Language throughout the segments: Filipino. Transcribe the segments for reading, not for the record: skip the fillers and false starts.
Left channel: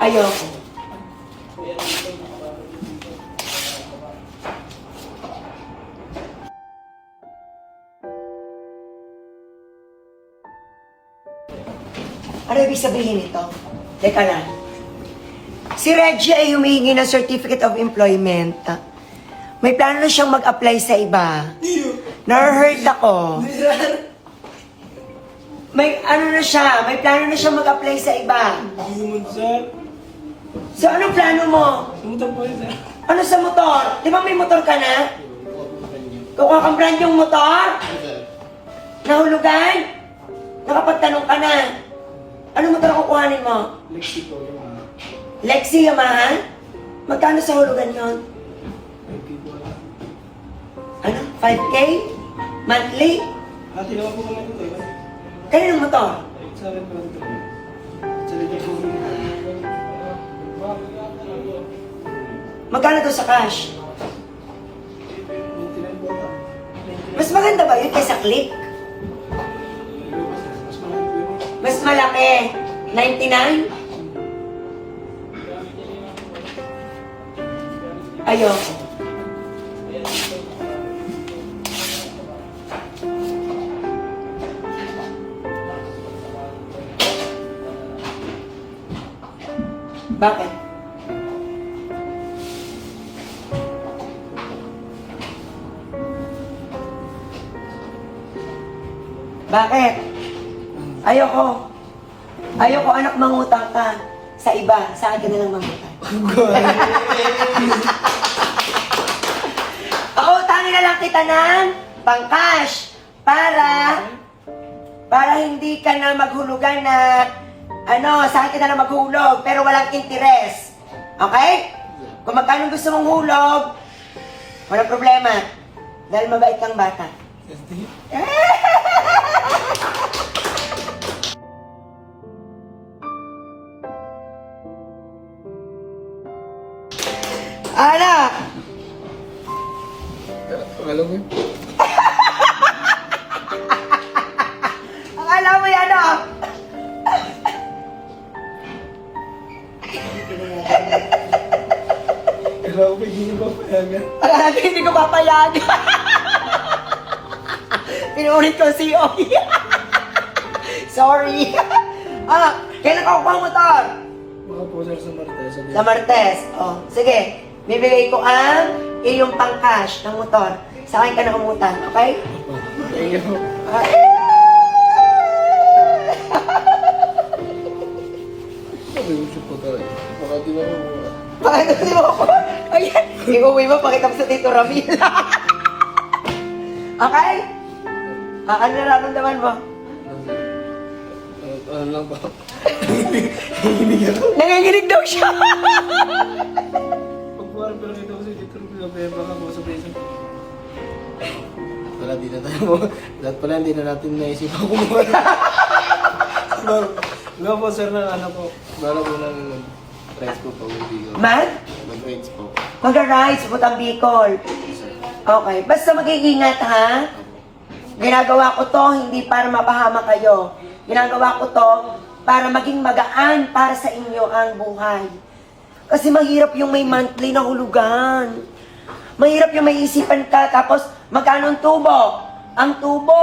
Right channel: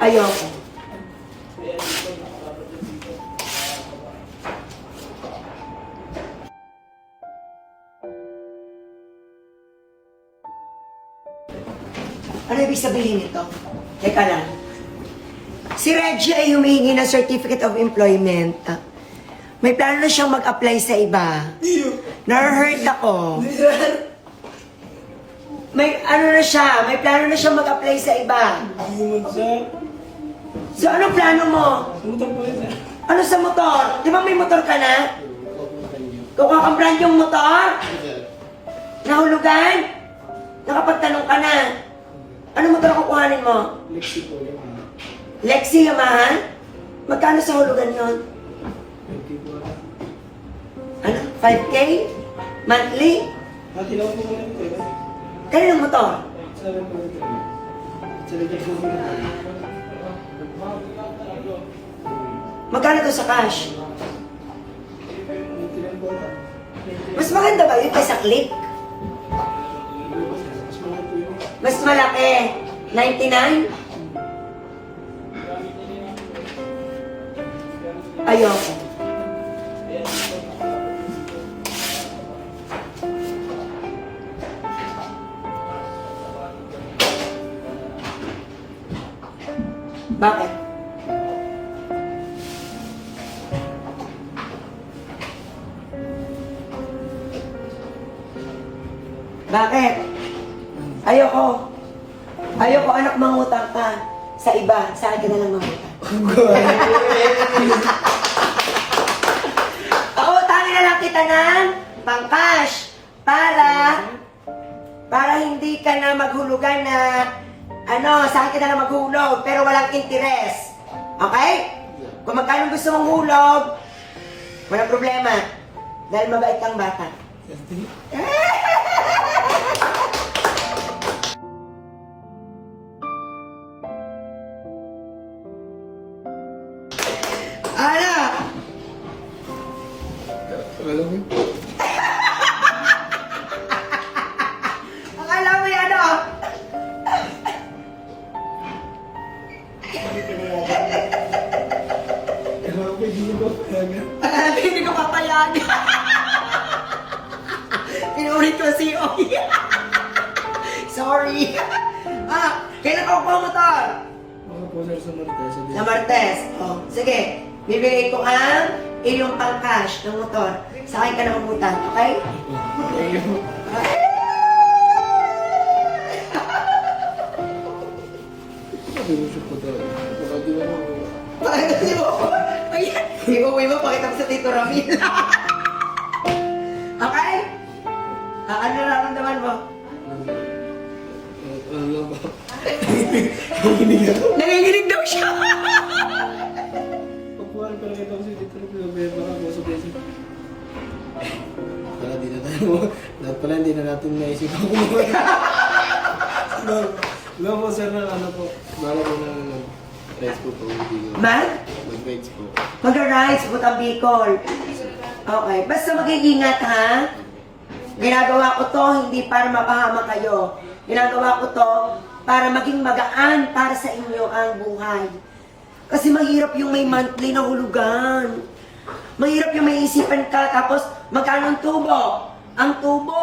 Ayoko. Ano ibig sabihin ito? Teka lang. Si Reggie ay humihingi ng Certificate of Employment. May plano na siyang mag-apply sa iba. Na-hurt ako. May ano na siya, may plano na siyang mag-apply sa iba. Sir. So, anong plano mo? Motor po yun, sir. Ano sa motor? Di ba may motor ka na? Kukuha kang brand yung motor? Nahulugan? Nakapagtanong ka na? Ano motor ang kukuhanin mo? Lexi po yung Lexi Yamaha? Magkano sa hulugan yun? Ano? 5K? Monthly? Tinawa po kami ito. Kaninong motor? Sa akin po ito. Sa likod po kami ito. Magkano to sa cash? Tinay po ito. Mas maganda ba yun kaysa click? Mas malaki po yun. Mas malaki. 99? Ayoko. Bakit? Bakit? Ayoko. Ayoko anak mangutang ka sa iba. Sa akin na lang mangutang. Ako, utangin na lang kita ng pang-cash para hindi ka na maghulugan na sa akin ka na lang maghulog pero walang interest. Okay? Kung magkano gusto mong hulog, walang problema. Dahil mabait kang bata. Anak! Alam mo yun? Akala mo yan, Kaya ako hindi ba payagan? Akala mo hindi ko papayagan. Pinulit ko si Oki. Sorry. Kailan ka kukuha ang motor? Baka po sir sa Martes. Sa Martes. Oh, sige. Bibigay ko ang iyong pang-cash ng motor. Sa akin ka na umutang, okay? Thank you. Sabi ko siya po tayo. Baka di na ako. Pakita mo ako. Ayan. Iuwi mo, pakita mo sa Tito Ramil. Okay? Ano nararamdaman mo? Ano lang ba? Nanginginig daw siya. Pagpuan pala kita ko si Tito Rupil, baka po sa beso. Pala di na tayo mo. Dapat pala hindi na natin naisip ako kumuha. No po sir na ano po. Bala po ng rides po pa uwi. Mag-rides po. Mag-rides, Butang Bicol. Okay, basta mag-iingat ha. Ginagawa ko to hindi para mapahama kayo. Ginagawa ko to para maging magaan para sa inyo ang buhay. Kasi mahirap yung may monthly na hulugan. Mahirap yung may isipan ka, tapos magkano ang tubo? Ang tubo,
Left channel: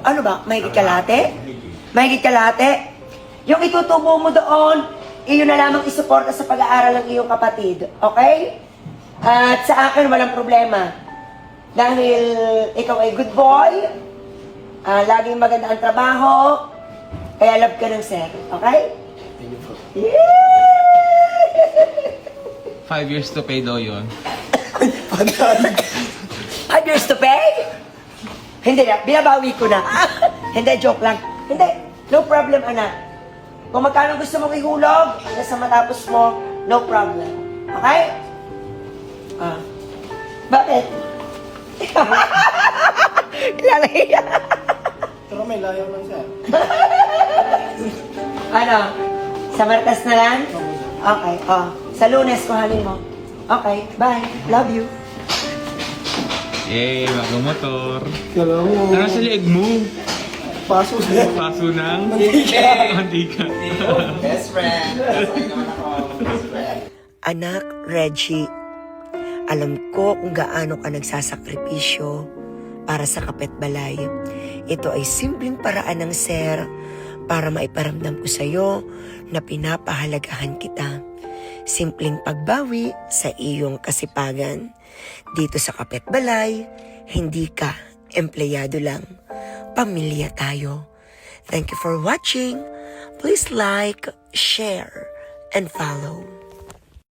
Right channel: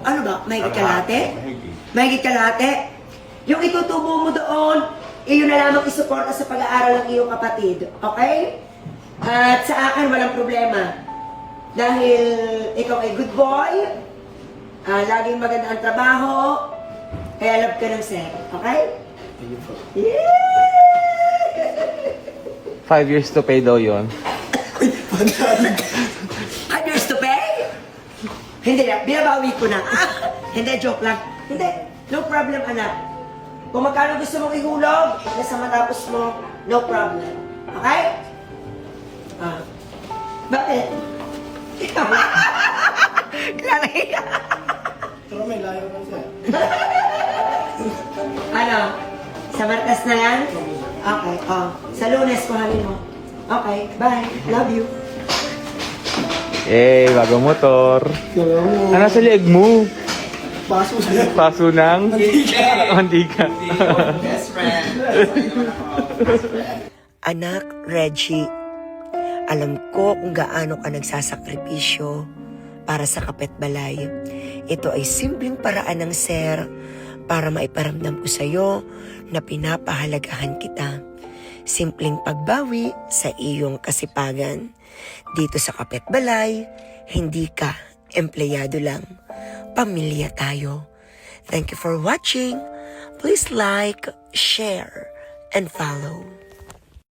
ano ba, mahigit kalate? Mahigit kalate? Yung itutubo mo doon, iyon na lamang isuporta sa pag-aaral ng iyong kapatid. Okay? At sa akin, walang problema. Dahil ikaw ay good boy, laging maganda ang trabaho, kaya love ka ng sir. Okay? Thank you po. Yeah! 5 years to pay daw yun. 5 years to pay? Hindi na, binabawi ko na. Hindi, joke lang. Hindi, no problem, anak. Kung magkano gusto mong ihulog, hanggang sa matapos mo, no problem. Okay? Bakit? Lalaya. Pero may layo lang sir. Ano? Sa Martes na lang? Okay, sa Lunes, kuhanin mo. Okay, bye. Love you. Bagong motor. Kala mo. Ano sa liig mo? Paso sir. Paso ng? Mantika. Mantika. friend. Okay naman ako, best friend. Anak, Reggie, alam ko kung gaano ka nagsasakripisyo para sa kapitbalay. Ito ay simpleng paraan ng Sir para maiparamdam ko sa iyo na pinapahalagahan kita. Simpleng pagbawi sa iyong kasipagan. Dito sa kapitbalay, hindi ka empleyado lang. Pamilya tayo. Thank you for watching. Please like, share, and follow.